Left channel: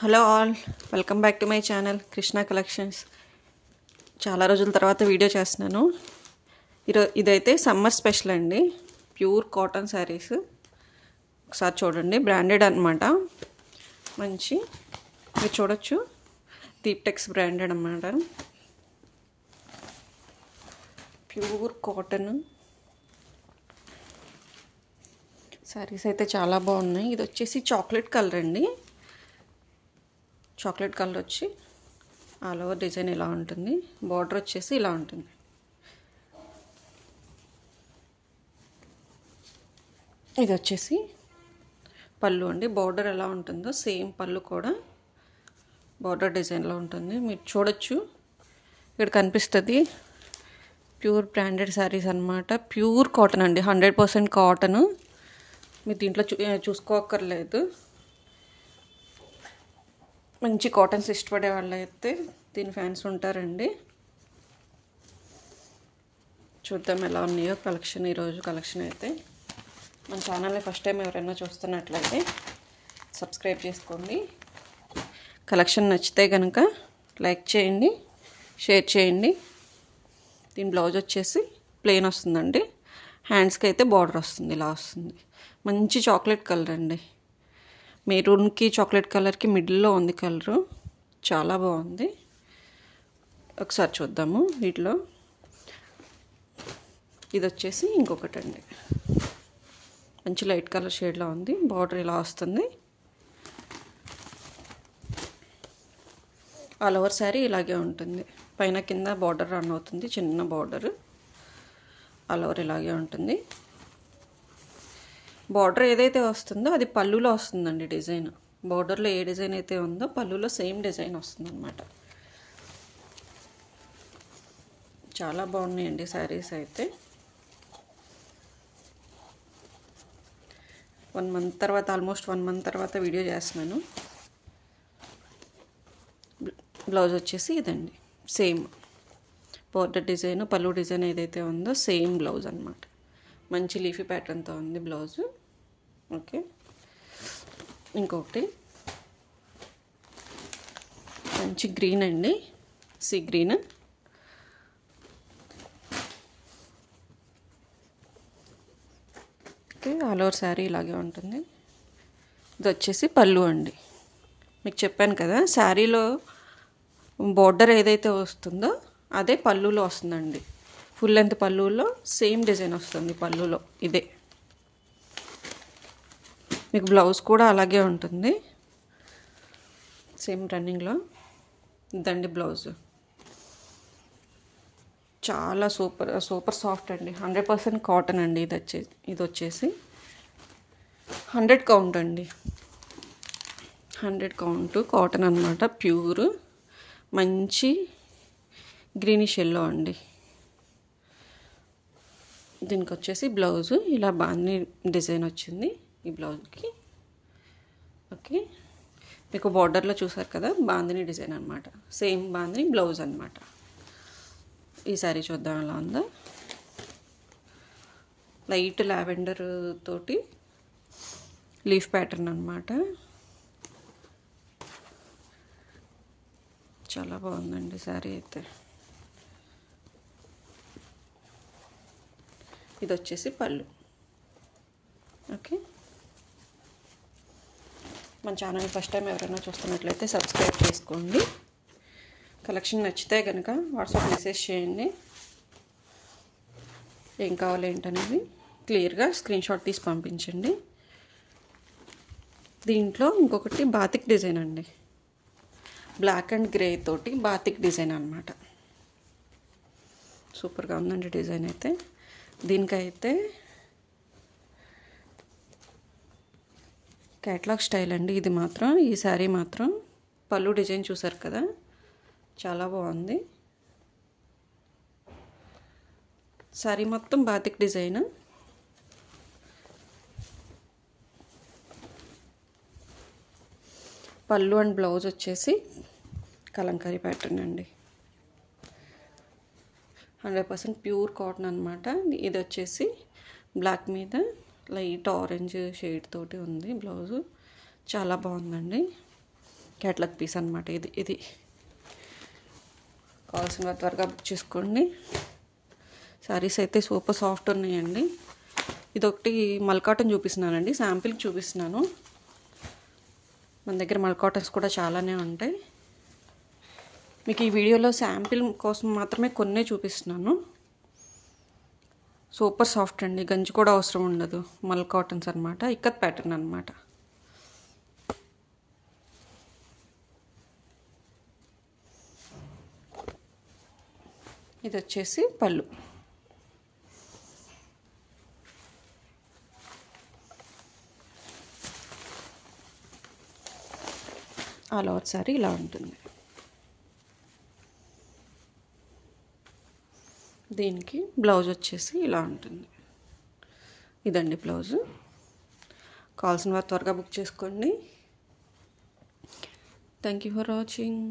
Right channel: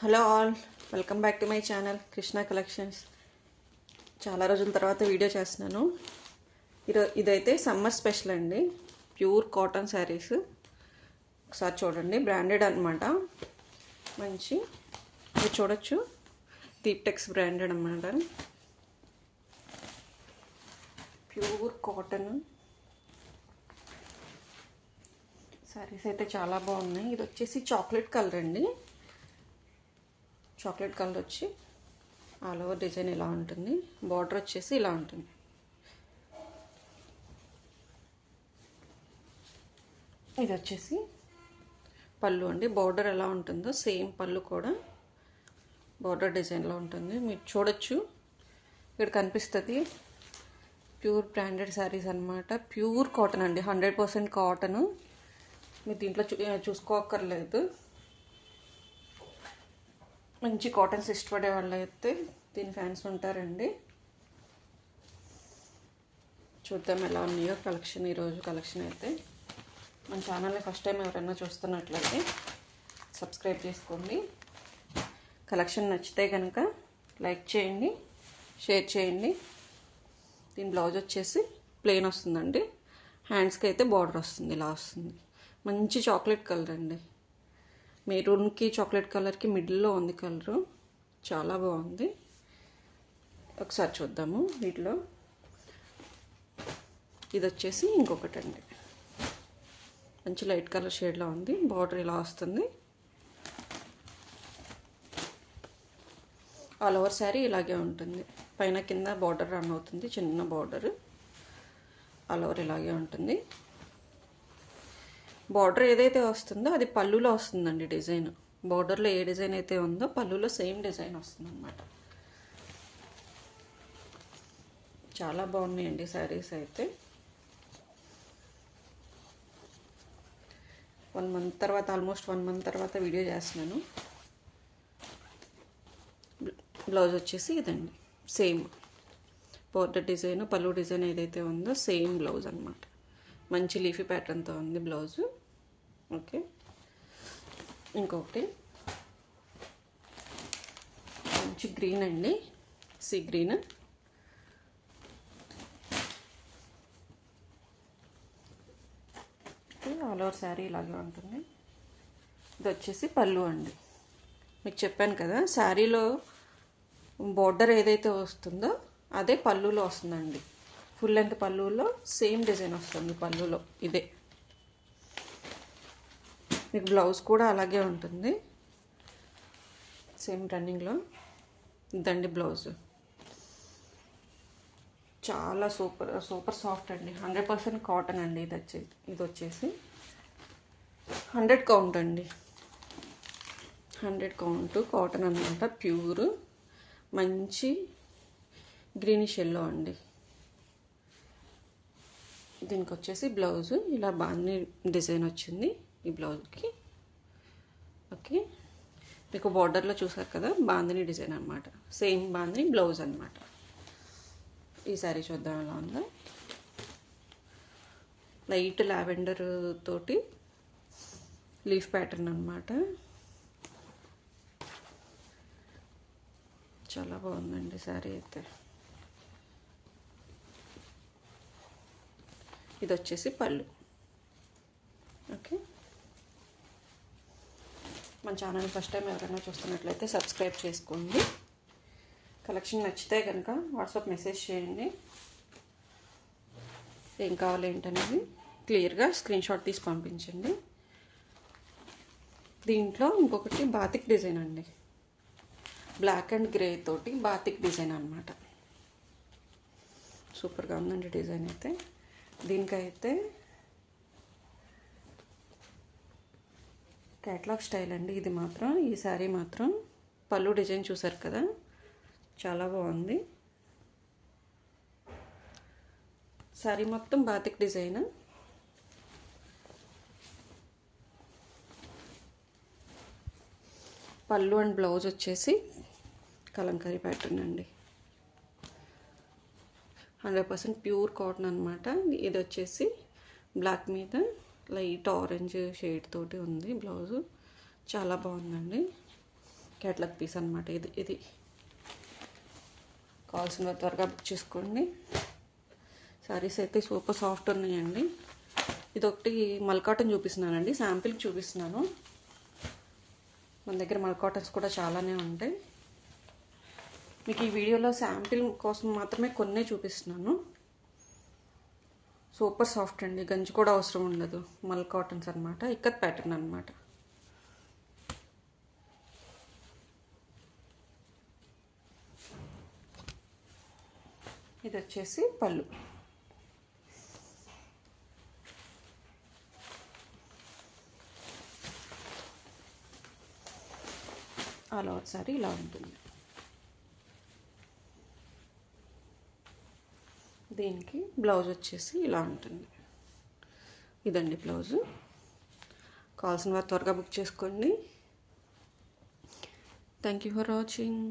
Hello all, welcome back to my channel Krishna collections. చాలా రోజుల తర్వాత వీడియో చేస్తున్నాను. ఇదైతే సమ్మర్ స్పెషల్ అండి. Pure cotton saris. ఒకసారి చూడండి, బ్రాండెడ్ అనమాట. మంచి మీరు చూడొచ్చు, దీప్టెక్స్ బ్రాండెడ్ అనమాట. ప్యూర్ కాటన్ శారీస్ అయితే చాలా బాగున్నాయి. ఇది వచ్చేసి చాక్లెట్ కలర్ అండి. చాక్లెట్ కలర్ వచ్చి ఆల్ ఓవర్ డిజైన్ ఇలా ఉంటుంది. బార్డర్ వచ్చేసి ఇలా ఉంటుంది. ఇది వచ్చేసి పళ్ళు అండి. బార్డర్ ఎలా ఉంటుందో సేమ్ పళ్ళు కూడా బార్డర్ డిజైన్లో ఉంటుంది. మీరు చూడొచ్చు, ఇక్కడ కనిపిస్తుంది. ప్యూర్ బ్రాండెడ్ శారీస్ అనమాట. ప్యూర్ కాటన్ అండి, 100% కాటన్. మీరు దీంట్లో చూసుకోక్కర్లేదు. మంచి కాటన్స్ ఇష్టపడే వాళ్ళు అయితే దీని ఫ్యాన్స్ ఉంటారండి. చూద్దాం ఎలా ఉన్నాయో కలెక్షన్. ఈరోజు కలెక్షన్ అయితే మన ఛానల్ని ఫస్ట్ టైం ఎవరైనా చూస్తున్నట్లయితే సబ్స్క్రైబ్ చేసుకోండి. కలెక్షన్ నచ్చితే కనుక లైక్ చేయండి, షేర్ చేయండి. దీని బ్లౌజ్ వచ్చేసి ప్లెయిన్ వస్తుందండి. హ్యాండ్స్కి అయితే బార్డర్ వస్తుంది, ఇలా వస్తుంది. మంచి చాక్లెట్ కలర్ అండి. మెరూన్కి చాక్లెట్ కలర్కి మిడిల్లో ఉంది కలరు. చాలా బాగుంది. ఒకసారి చూద్దాము వీటిలో. ఇది వచ్చేసి ఇంకొకటి అండి. మంచి లైట్ కలర్ షేడ్లో ఉంది. బార్డర్ ఇలా వస్తుంది. ఆల్ ఓవర్ శారీ ఇలాగే ఉంటుంది. పైన కింద బార్డర్ రన్ అవుతుంది, చిన్న బార్డర్. ఆల్ ఓవర్ ఇలాగే ఉంటుంది. బార్డర్ ఏదైతే వస్తుందో అది పళ్ళులో వస్తుందండి డిజైన్. బార్డర్లో ఏ డిజైన్ అయితే ఉందో పళ్ళులో సేమ్ డిజైన్ వస్తుంది అన్నమాట. చాలా బాగున్నాయండి శారీస్ అయితే. 1 మంత్ తర్వాత, ఆల్మోస్ట్ 1 మంత్ తర్వాత వీడియో చేస్తున్నాను. బ్లౌజ్ వచ్చేసి ఇదండి, సేమ్ బార్డర్ డిజైన్, పళ్ళు డిజైన్ ఏదైతే ఉందో సేమ్ బ్లౌజ్ అనమాట. మంచి లీఫీ ప్యాటర్న్తో ఉంది బ్లౌజు. ఓకే, ఇంకొకటి మంచి గ్రీన్ అండి, sea green. Okay, all over sari ఇలాగే ఉంటుంది. ఇది వచ్చేసి పళ్ళు అండి. మీకు చెప్పాను కదా, శారీలో బార్డర్ ఏదైతే వస్తుందో అదే పళ్ళులో వస్తుందండి. ఫుల్ లెంత్ పళ్ళులో సేమ్ డిజైన్ వస్తుంది. పళ్ళులో ఇదే. మీకు బ్లౌజ్ కూడా అలాగే ఉంటుంది, సేమ్ రన్నింగ్లో. ఇదండి బ్లౌజ్. చాలా సూపర్ సూపర్ సాఫ్ట్ అండి. 100% కాటన్ అండి. ఇది వచ్చేసి 100 కౌంట్ అండి. 100 కౌంట్ కాటన్ అనమాట. ప్యూర్ మంచి గ్రీనిష్ ఎల్లో అండి. దీనికి వచ్చేసి బ్లౌజ్ ఇలా బాగుంది, డిజైన్ వచ్చింది ఈ బ్లౌజ్కి. ఓకే, మీకు బార్డర్లో చూసారు కదా, బాందిని డిజైన్ అనమాట. సేమ్ బాందిని బ్లౌజ్ అనమాట. ఈ శారీ చూద్దాం ఎలా ఉందో. లైట్ లావెండర్ తోటి లీఫ్ ప్యాటర్న్ అనమాట. చాలా బాగుందండి శారీ అయితే. ఇది వచ్చేసి పళ్ళు. ఓకే, మన ఛానల్ ఫస్ట్ టైం ఎవరైనా చూస్తున్నట్లయితే సబ్స్క్రైబ్ చేసుకోండి. కలెక్షన్ నచ్చితే కనుక వాట్సాప్ మెసేజ్ చేయండి. ఏం కావాలి ఏంటనేది క్లియర్గా స్క్రీన్షాట్ తీసి పంపించండి. దీంట్లో ఇంకొకటి బాతిక్ డిజైన్ అండి. బ్లాక్ అండ్ గ్రే తోటి బాతిక్ డిజైన్ అనమాట. సూపర్గా ఉందండి డిజైన్ అయితే. దీనికైతే క్యాట్లాగ్ స్టైల్ అండి ఇది మాత్రం. ఈ శారీ మాత్రం పళ్ళు డిజైన్ చూసారు కదా, చాలా బాగుంది. శారీ మొత్తం బాతిక్ డిజైన్. పళ్ళు అండ్ బ్లౌజ్ వచ్చేసి కలంకారీ ప్యాటర్న్ అండి. 100% ప్యూర్ కాటన్ అనమాట. ఇది వచ్చేసి బ్లాక్ మీద లైట్ ఆరెంజ్ షేడ్ తోటి ఉంది బ్లౌజు. చాలా బాగుందండి. క్యాట్లాగ్ పీస్ అనమాట ఇది కావాల్సిన త్వరగా బుక్ చేసుకోండి. శారీస్ అయితే సూపర్ సాఫ్ట్ ఉన్నాయండి. ఇదొకటి మల్ కాటన్ చూపిస్తున్నానండి, శాంపిల్కి చూపిస్తున్నాను. మన దగ్గర మల్ కాటన్స్ కూడా చాలానే ఉంటాయి. మీకు ఈ వీడియోలో శాంపిల్ కోసం మాత్రమే కొన్నే చూపిస్తున్నాను. సూపర్ సాఫ్ట్ అండి, గంజి కూడా అవసరం ఉండదు. మల్ కాటన్స్ అనమాట, ఇక్కత్ ప్యాటర్న్ అనమాట. ఇది వచ్చేసి పళ్ళు. ఆల్ ఓవర్ సారీ ఇలా ఉంటుంది. దీనికి బ్లౌజ్ వచ్చేసి ఇలా ఉంటుంది. ఇదండి బ్లౌజు. కావాల్సిన వారు త్వరగా బుక్ చేసుకోండి. Thank you for watching.